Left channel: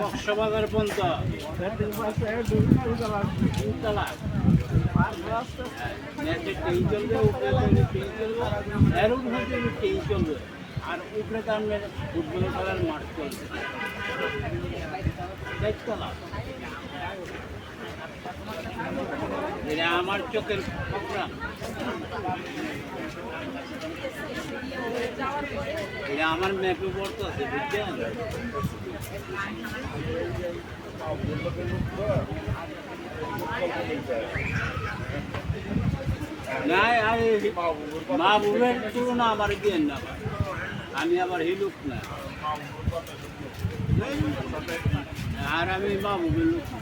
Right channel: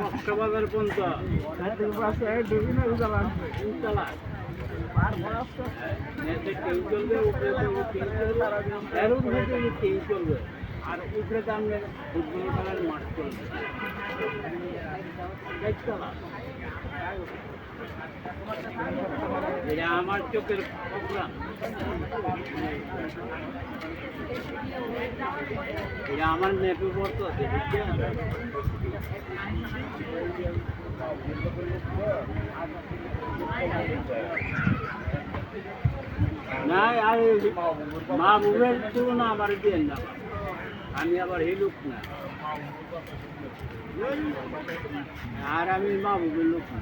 কক্সবাজার পর্যন্ত চলবে আর উপরে তো আপনার ফুটবল খেলার মাঠ চলবে এটা আমার চোখের প্রোগ্রাম, এটা আমার ম্যাপে পড়তে আছে বুঝছেন। না আর মাহবুবের তুলনা আমার দিয়েন না, আমি আবার হিলুক না, আর আমি মাহবুবের লোক না।